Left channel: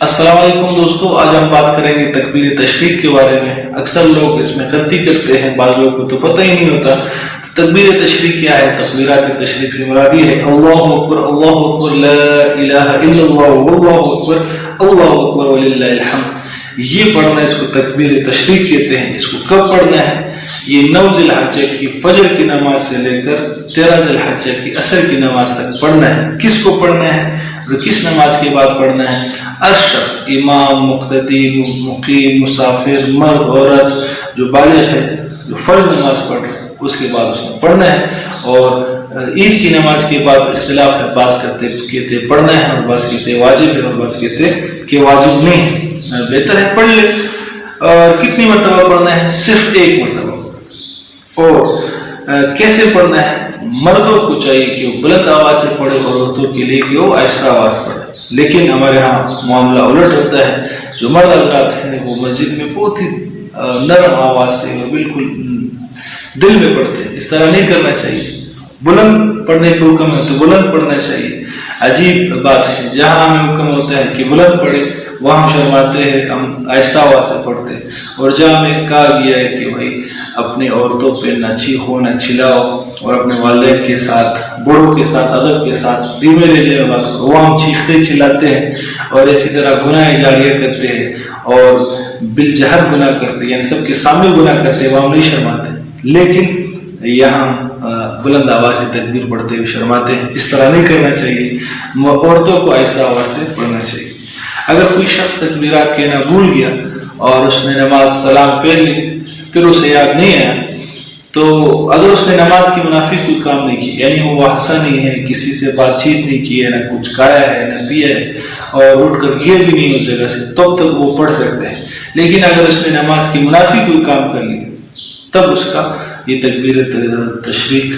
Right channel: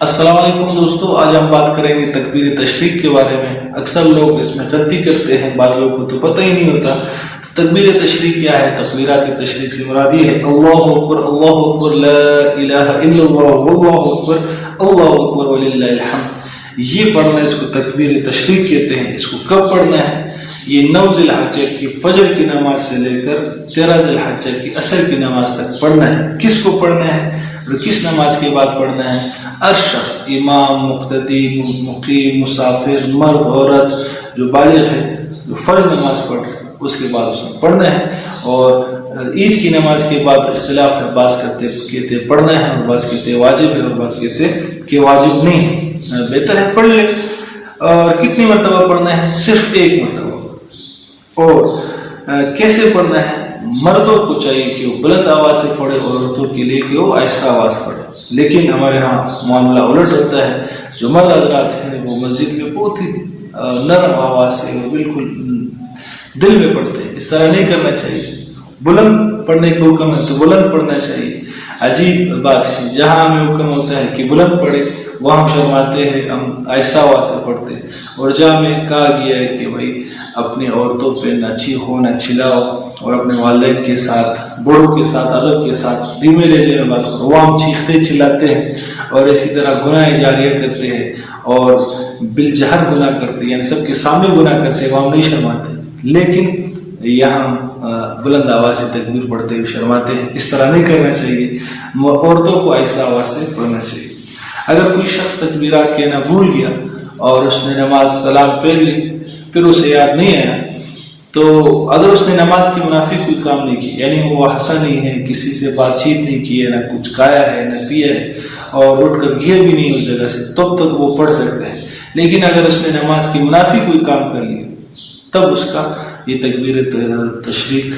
अस्सलाम वालेकुम दोस्तों, आज हम बात करेंगे तकबीर तशरीक के बारे में। अक्सर लोग इसमें गलती करते हैं, बाद लोगों को तो पता ही नहीं होता। तकबीर तशरीक क्या है? तकबीरात तशरीक से मुराद ये है अल्लाहु अकबर, ला इलाहा इल्लल्लाह, वल्लाहु अकबर वलिल्लाहिल हम्द। ये पढ़ना, इसको तकबीर तशरीक कहते हैं। इसको कब पढ़ना है? ये 9 ज़िलहज्जा की फजर की नमाज से लेकर 13 ज़िलहज्जा की असर की नमाज तक पढ़ना है। किसको पढ़ना है और किस नमाज के बाद पढ़ना है? हर शख्स, इमाम, मुक्तदी, मुकीम, मुसाफिर, मर्द, औरत जो बालिग है, जो फर्ज नमाज पढ़ रहे हैं, उसके बाद उसने पढ़ना है। और ईद की नमाज के बाद इख्तिलाफ है, बास कहते पढ़ना है और बास कहते वाजिब है और बास कहते कि वाजिब नहीं है। बेहतर है पढ़ ले। और कितनी मरतबा पढ़ना है? सिर्फ एक मरतबा। और कैसे पढ़ना है? मर्दों को चाहिए कि वो बुलंद आवाज से पढ़े और औरतों के लिए कि वो आहिस्ता आवाज पढ़े। लेकिन हमारे यहाँ मामला उलट होता है। जो मर्द हज़रात हैं वो मस्जिद में बहुत ही नरम आवाज से और बिल्कुल दिल में पढ़ते हैं। इस तरह नहीं करना चाहिए। बुलंद पढ़ने का हुक्म है तो बुलंद पढ़ना चाहिए। अजीब बात है, जहाँ हमें हुक्म होता है कि बुलंद पढ़े, वह हम शर्माते हैं, हम आहिस्ता आवाज से पढ़ते हैं। और जहाँ हमें कहा गया है कि भाई अपने औरतों पे न चीखो न चिल्लाओ और अपने वालिदैन के साथ, बड़ों के साथ अदब के साथ धीमे लहजे में बात करो, वो हम चीखते चिल्लाते हैं और इसी तरह गुनाह जारिया करते हैं और बिलजहर गुनाह करते हैं, यानी सबके सामने गुनाह करते हैं, वो हम नहीं शर्माते। लेकिन यहाँ बुलंद आवाज से तकबीर पढ़ते हुए शर्माते हैं। इस तरह नहीं करना चाहिए। औरतों को आहिस्ता आवाज से पढ़ना चाहिए। अगर कोई शख्स तकबीरात कहना भूल गया और उसने नमाज सलाम पढ़ ली, फिर उसे याद नहीं आया, तो अगर उसने नमाज की मुनाफिक कोई काम नहीं की, यानी वो हंसा नहीं है, किसी से बातचीत नहीं की है, ना कुछ खाया है, ना पिया है और उठ कर गया भी नहीं उस जगह से, तब तक वो पढ़ सकते हैं। लेकिन अगर उसने नमाज की मुनाफिक कोई काम कर लिया, तब उसका ये तकबीर तशरीक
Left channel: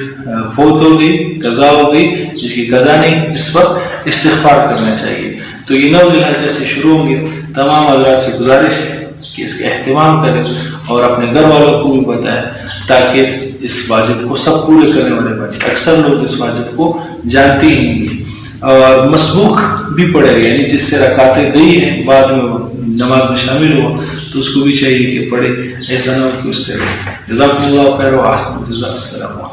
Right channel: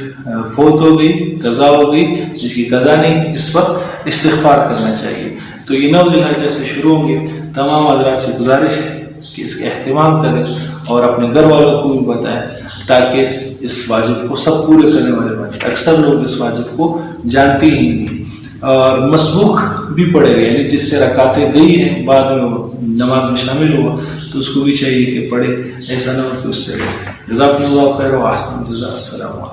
फौत हो गई, कज़ा हो गई। जिसकी कज़ा नहीं, इस पर इस्तिग़फ़ार करना चाहिए। तो ये 9 ज़िलहज्जा से शुरू होंगे। तमाम हज़रात से गुजारिश है कि इसका एहतमाम करें और अपने घर वालों को भी बताएं, ताकि इस वाजिब को सब पूरे करने वाले बने। अक्सर लोग इस वाजिब को जानते ही नहीं और मसबूक भी पड़ेगा, यानी जिससे रकातें गई हैं बाद में वो नमाज में शामिल हुआ, तो उसको भी चाहिए कि पढ़े। ऐसा ना हो कि उससे जज़ाकुमुल्लाहु खैर व अहसन जज़ा। अस्सलाम।